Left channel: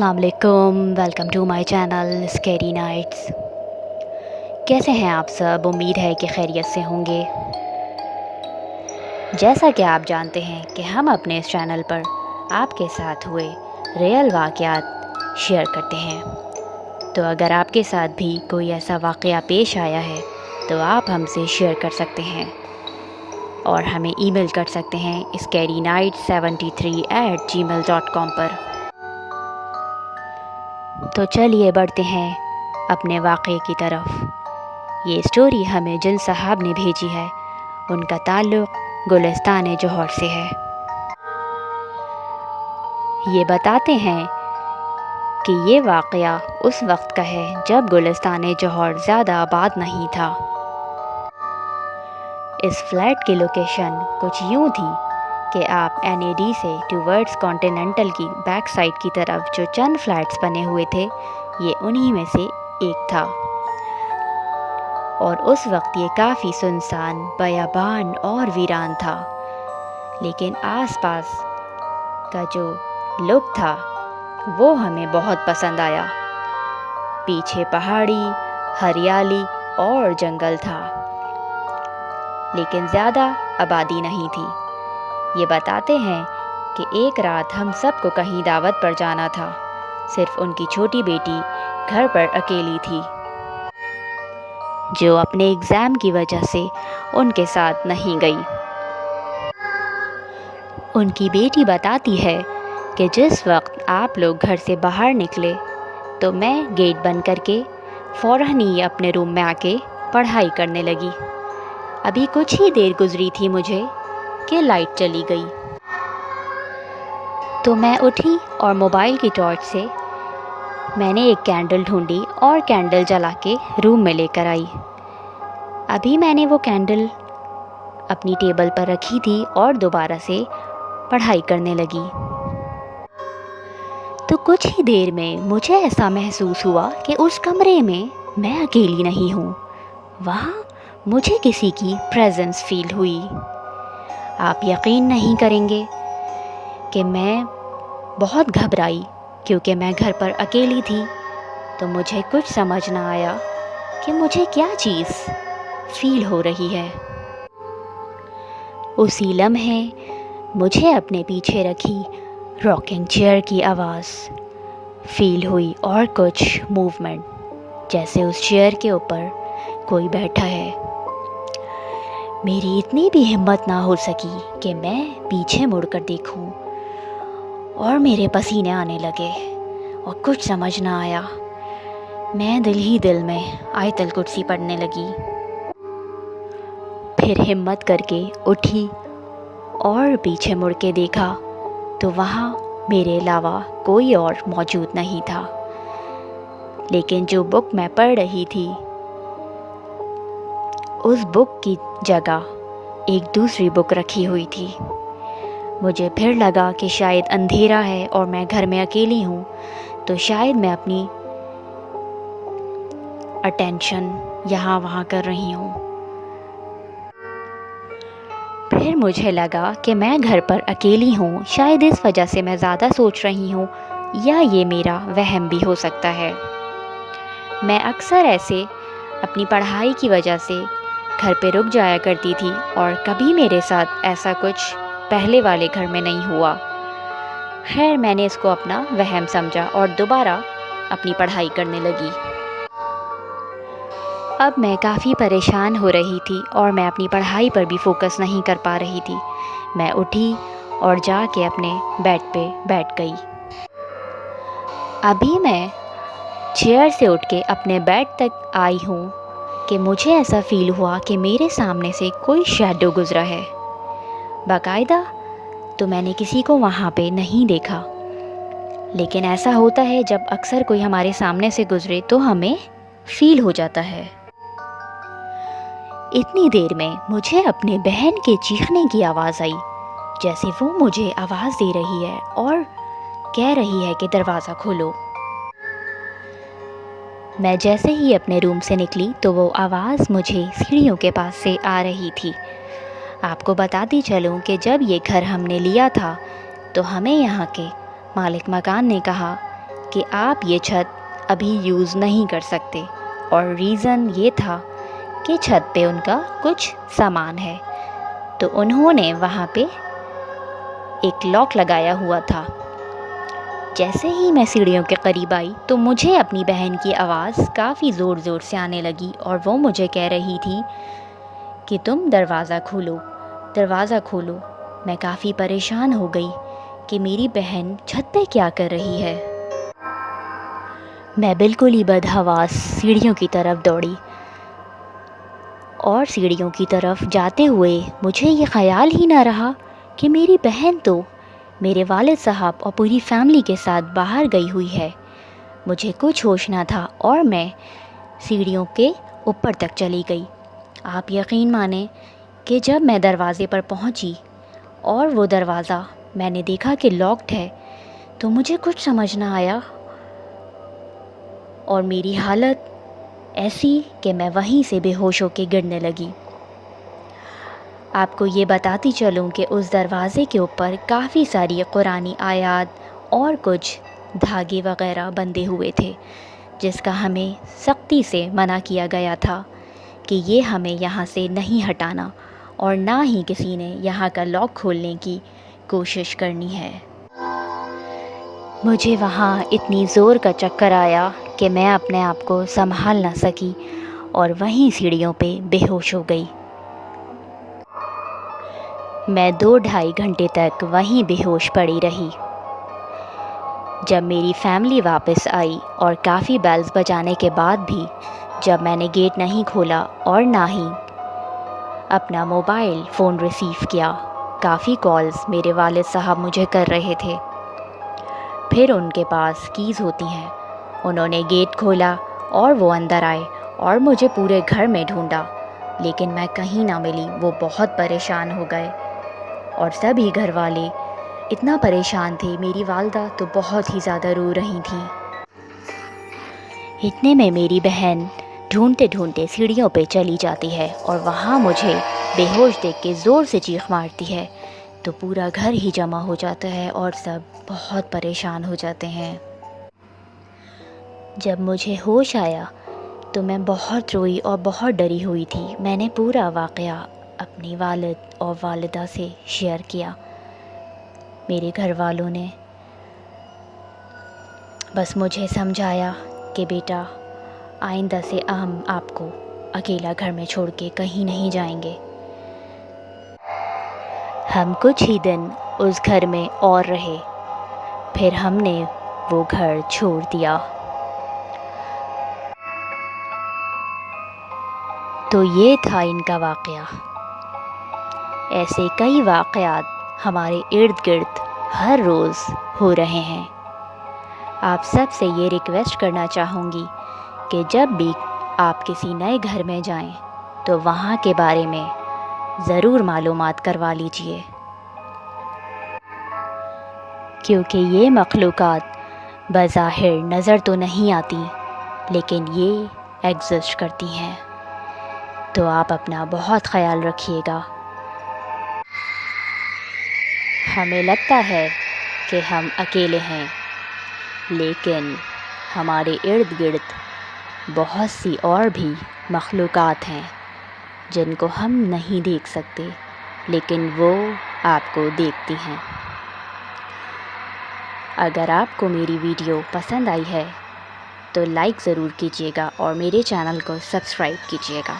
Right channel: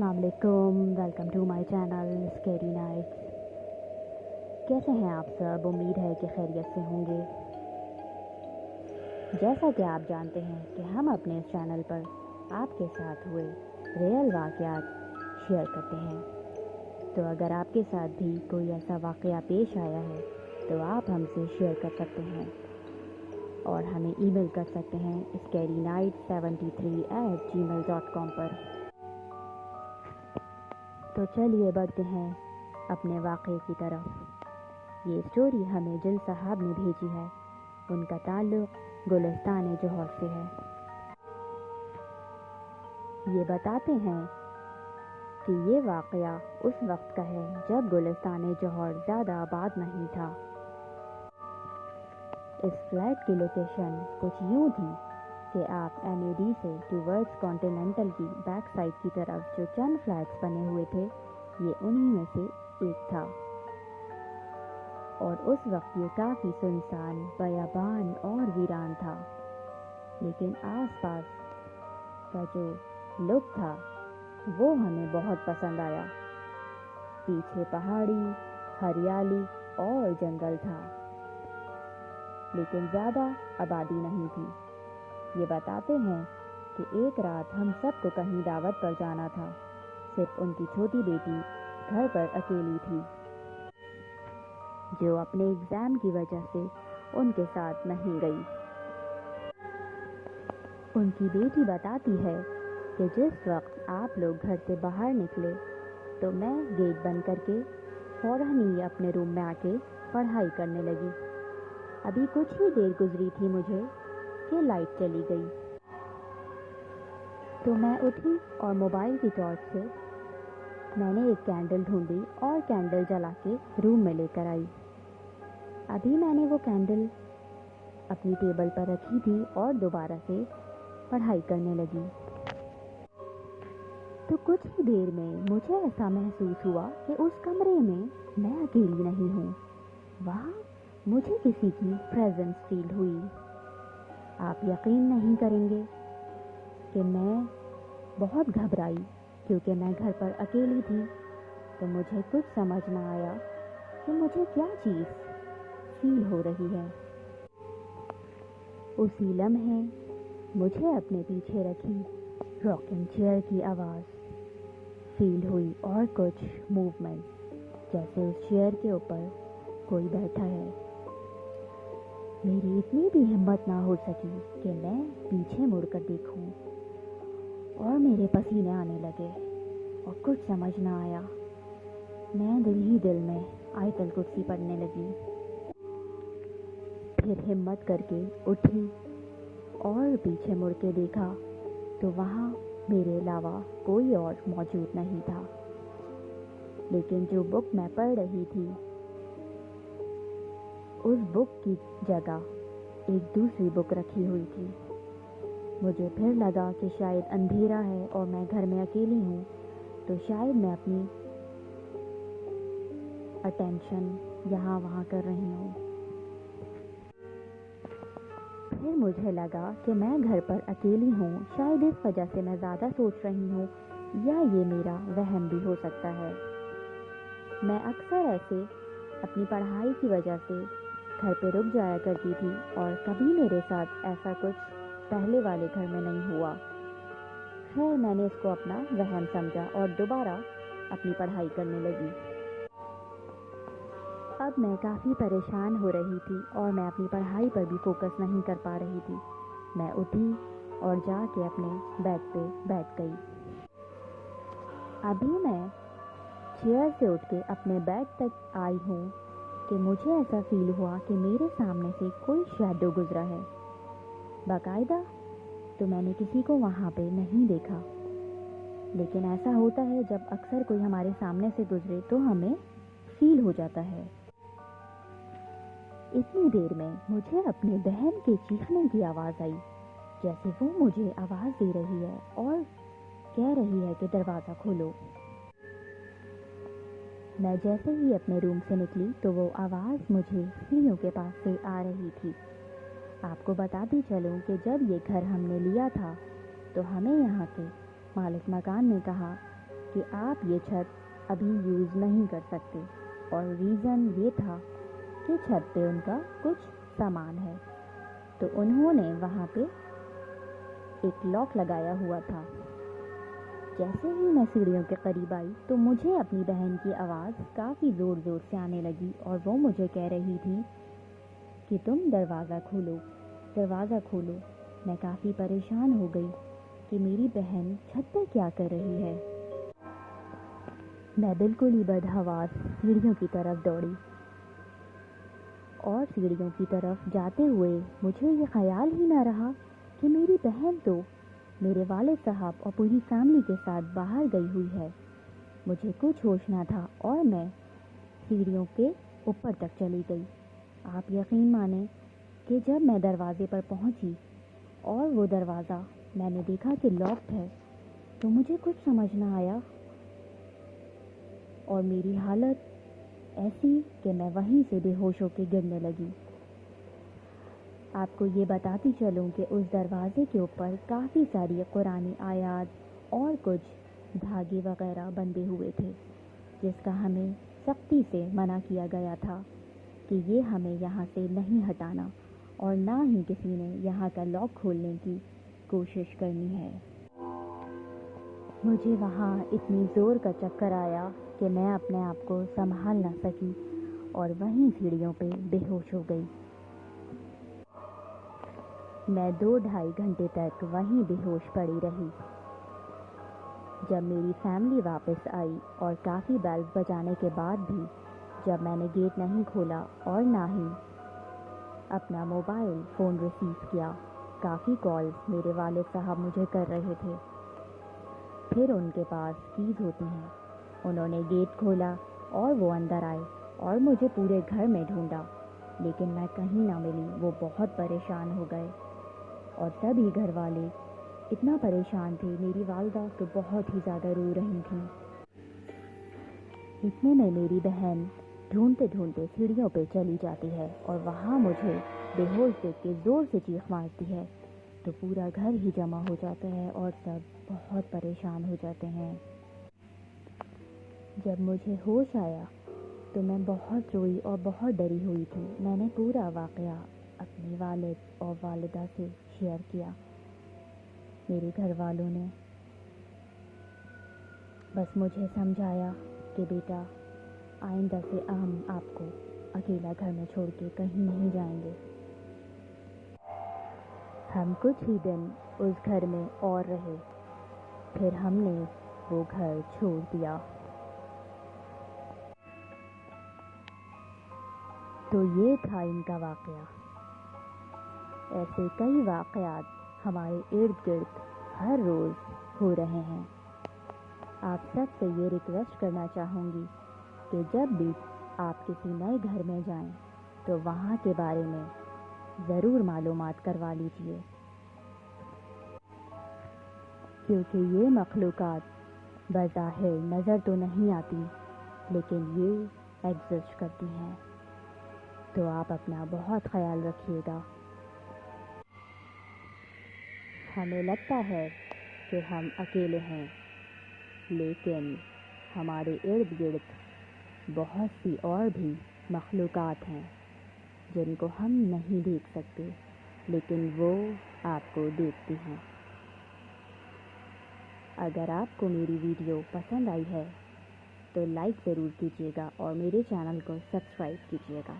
अस्सलाम वालेकुम, welcome to my channel scary nights. कैसे हैं आप सब? उम्मीद है कि खैरियत से होंगे। जैसा कि आप जानते हैं कि हम अपने इस चैनल पर आपके साथ हुए रियल वाक़यात शेयर करते हैं, तो अगर आपके साथ भी कोई ऐसा वाक़या पेश आया है तो आप हमसे शेयर कर सकते हैं और हमें ईमेल कर सकते हैं scarynight73@gmail.com पर। तो चलिए बढ़ते हैं अपने वाक़े की तरफ। ये स्टोरी हमें जिन साहब ने भेजी है उनका ताल्लुक़ गुलिस्तान जौहर से है। ये बताते हैं कि ये वाक़या उस वक्त का है जब गुलिस्तान जौहर ज़्यादा आबाद नहीं था। इस फ्लैट की लोकेशन कुछ यूँ थी कि आप NAD से टूवर्ड्स कॉन्टिनेंटल की बैक साइड की तरफ जो चंद फ्लैट्स बने हुए थे, ये उन्हीं में से एक था। और उस वक्त ये काफ़ी सुनसान, बयाबान और वीरान था, लेकिन आसपास का जो लुक था वो हमें बहुत पसंद आया। पीछे पहाड़ी, हरियाली और जंगल था, लेकिन ज़्यादा आबादी नहीं थी। ये बताते हैं कि एक रात हम सबको कहीं दावत पर जाना था। सिर्फ उनकी छोटी बेटी घर पर अकेली थी, जो अपने एग्ज़ाम की वजह से उनके साथ नहीं गई। उनकी बेटी बताती है कि जिस वक्त आप लोग घर से बाहर निकले तो मैं गेट बंद करके फ़ौरन ही अपने रूम में आके पढ़ाई करने लगी। अभी कुछ ही देर गुजरी थी मुझे कि लाइट चली गई, तो मैं उठी और मोबाइल की टॉर्च से मैंने एक कैंडल ढूंढी और कैंडल जला के रूम में लेकर आई। अभी मैंने वो कैंडल अपनी टेबल पर रखी थी और दोबारा से पढ़ाई करने लगी, तो कुछ ही देर में मुझे ऐसा महसूस हुआ कि उस कमरे में मैं अकेली नहीं हूँ। वहाँ मुझे किसी की प्रेजेंस फील हुई। आप यकीन नहीं करेंगे कि मैं बहुत घबराई, क्योंकि मैं घर पर अकेली थी। तो मुझे कुछ समझ ना आया कि मुझे क्या चीज़ फील हो रही है। उसी लम्हे मुझे अपने पीछे रखी रॉकिंग चेयर की आवाज़ फील हुई और कुछ मूवमेंट, जैसे उस चेयर के ऊपर कोई बैठा है। मेरी इतनी भी हिम्मत ना हो सकी कि मैं पीछे मुड़कर देखूं, और मेरे पसीने आने लगे और कुछ समझ ना आया। मैं दिल ही दिल में आयतल कुर्सी पढ़ने लगी। फिर हिम्मत करके उठी और पीछे मुड़ के देखा तो वहाँ मेरे अलावा कोई और मौजूद नहीं था। लेकिन जो बुक मैं पढ़ रही थी, उस बुक की जगह एक दूसरी बुक रखी हुई थी। मुझे फिर लगा कि शायद अंधेरा है और मैं घर में अकेली हूँ, तो शायद मैं अपनी अटेंशन यहाँ वहाँ कर रही हूँ। फिर मुझे लगा कि मैं घर पर अकेली हूँ, शायद इस वजह से मैं ज़्यादा सोच रही हूँ, या ये मेरा वहम भी हो सकता है। मैं अक्सर ऐसे अपनी पढ़ाई की वजह से घर पे रुक जाया करती थी, और कभी मेरे साथ ऐसा कुछ पहले वाले घर में नहीं हुआ। खैर, मैंने इसको अपना वहम समझा और दोबारा अपनी पढ़ाई करने लगी। अब मैं काफ़ी परेशान हो रही थी और मैं अपनी पढ़ाई पर भी फोकस नहीं कर पा रही थी। मैं उठी और जाके अपने बेड पे बैठ गई। अभी मैं चेयर से उठ के अपने बेड तक आई हूँ कि मुझे ऐसा फ़ील हुआ कि मेरे सामने से कोई शैडो गुज़रा है। बाकायदा तो मैंने किसी को वहाँ पे नहीं देखा, लेकिन ऐसा होता है जब अक्सर कोई हमारे सामने से गुज़रे तो हमें फ़ील हो जाता है। इतनी देर में मुझे अपने बहन के चीखने की आवाज़ आई, जैसे वो मुझे आवाज़ दे रही है और कह रही है कि दरवाज़ा खोलो। मैं जैसे ही अपने रूम से निकली तो वो आवाज़ मुझे सीढ़ियों के पास से आ रही थी। आपको बताती चलूँ कि जब ये घर हमने लिया था तो हमें यहाँ के मालिक मकान ने कहा کہ آپ یہ چھت ابھی یوز نہیں کر سکتے، اور ریزن یہ تھا کہ چھت پہ ان کا کچھ سامان ہے۔ تو انہوں نے وہاں پہ ایک لاک لگایا ہوا تھا۔ جیسے ہی میں سیڑھیوں کے قریب آئی تو مجھے اپنی بہن کی آواز کافی زور زور سے آنے لگی، اور وہ مجھے کہہ رہی تھی کہ تم دروازہ کھولو، دروازہ کھولو۔ میں کافی پریشان ہو گئی کہ میری بہن چھت پہ کیا کر رہی ہے۔ میں بالکل ہی بدحواس سیڑھیوں کی طرف دوڑی، اور سیڑھیوں کی طرف جاتے ہوئے مجھے یہ خیال ہی نہ رہا کہ میری بہن تو میرے والد صاحب اور پوری فیملی کے ساتھ باہر گئی ہوئی ہے۔ مجھے کچھ ہوش نہ تھا اور میں سیڑھیوں کے اوپر تک چلی گئی۔ آپ یقین مانیں کہ جب میں دروازے پر پہنچی اور وہ دروازہ میں نے دیکھا کہ لاکڈ ہے، تو مجھے کچھ سمجھ نہ آیا، اور میری حالت ایسی کہ میں وہیں سے بے ہوش ہو کے گرنے لگی۔ آپ کو یہ بتاتی چلوں کہ اس دروازے کے اوپر کافی ساری قرآنی آیات اور کچھ دھاگے وغیرہ بندھے ہوئے تھے، جس کا ہمیں سختی سے منع کیا گیا تھا کہ یہ ہمیں یہاں سے نہیں ہٹانا، اور نہ ہی کسی نے یہاں کا لاک کھولنے کی کوشش کرنی ہے۔ مجھے وہاں اتنی زور کا چکر آیا کہ میں اپنے آپ کو سنبھال نہ سکی، اور وہیں سیڑھیوں پہ بے ہوش ہو گئی۔ میں 2-2.5 گھنٹے تک وہیں بے ہوش پڑی رہی۔ جب میری فیملی واپس آئی اور کافی بیلز بجانے کے بعد بھی جب میں نے گیٹ نہیں کھولا اور نہ ہی اپنا موبائل فون ریسیو کیا، کافی کالز میرے والد صاحب مجھے کر رہے تھے۔ پھر ان کے پاس کیز ہوتی ہیں، انہوں نے گیٹ کھولا اور وہ اندر آئے اور مجھے پورے گھر میں ڈھونڈا، لیکن میں کہیں نہ ملی۔ وہ بہت پریشان ہو گئے، اور سبھی گھر والے اتنا پریشان تھے۔ میری والدہ تو بہت ہی زیادہ رو رہی تھیں۔ اتنے میں میری بہن ڈھونڈتے ڈھونڈتے سیڑھیوں پہ چلی جاتی ہے، اور وہاں مجھے بے ہوش دیکھ کے زور سے چیخ مارتی ہے، تو پورا گھر ہی جمع ہو جاتا ہے اور سب بہت پریشان ہو جاتے ہیں۔ جب مجھے ہوش آیا تو میں بہت روئی اور بہت ڈری ہوئی تھی۔ میں نے پورا واقعہ اپنی والد اور والدہ سے شیئر کیا۔ میرے گھر والوں نے بس مجھے سمجھایا کہ بیٹا، آئندہ سے ہم آپ کو اکیلا گھر میں چھوڑ کے کہیں نہیں جائیں گے۔ ہم کچھ ہی دن اس گھر میں اور رہے، پھر ہم نے وہ گھر چھوڑ دیا۔ تو یہ تھا ان کا واقعہ۔ ایسے کئی واقعات ہمارے ارد گرد ہر روز ہو رہے ہیں۔ آپ سب سے یہ ریکویسٹ کرنا چاہوں گی کہ جب بھی آپ کسی نئے گھر میں جائیں تو وہاں کے بارے میں ضرور معلومات کروا لیجئے، کیونکہ یہ مخلوقات بظاہر نظر تو نہیں آتی، لیکن یہ ایگزسٹ کرتی ہیں۔ تو آپ اپنا بہت خیال رکھیے گا۔ ہمیں لگتا ہے کہ ہم اکیلے ہیں، لیکن ہمارے ارد گرد بہت سی اور بھی مخلوقات ہیں جن کو ہم نہیں دیکھ سکتے، لیکن وہ آپ کو دیکھتی ہیں۔ اگر آپ کو میری ویڈیو پسند آئی ہے تو لائک ضرور کیجیے گا، اور میرے چینل کو سبسکرائب کیجیے گا۔